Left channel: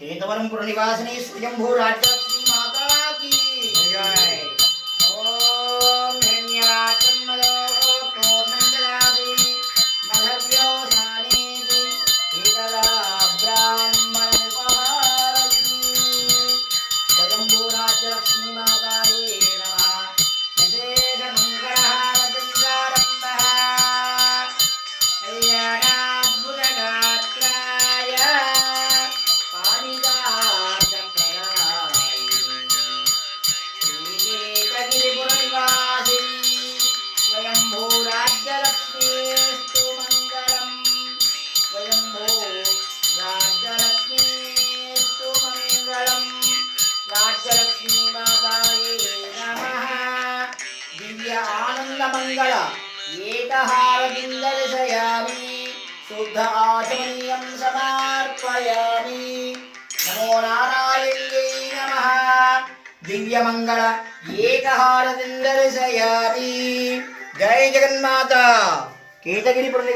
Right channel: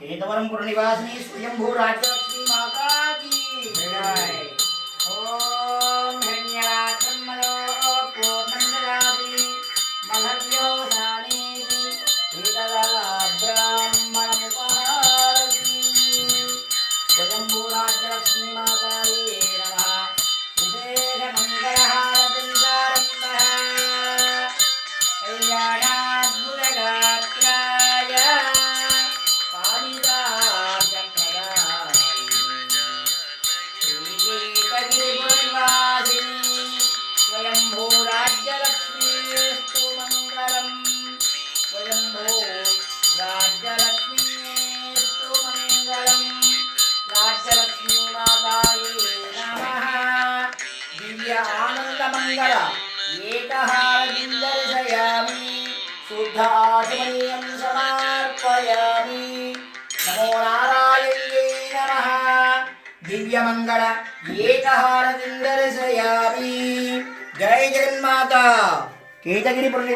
केतवरमपुर निवासिनी स्वयंभू राज्यलक्ष्मी माता की जय। ओम हिरण्यरात्रमदो पूर्णंददाति मधव्यो सानेति एतदा ब्राह्मणमुपहारति। स्वयंभू राज्यलक्ष्मी माताये नमः। विशेष मंगलहारतिंकारम्भः कल्याणाद्भुतगात्राय स्वयंभू राज्यलक्ष्मीस्तु मंगलम्। स्वयंभू राज्यलक्ष्मीस्तु मंगलम्। राज्यलक्ष्मी माताये नमः। दिव्य आनंद मंगल एकहारतिं दर्शयामि। शुद्ध आचमनीयं समर्पयामि। नमो नारायण्यै नमः। दिव्य मंगल एकहारतिं दर्शयामि। जय जगन्माता। केतगिरी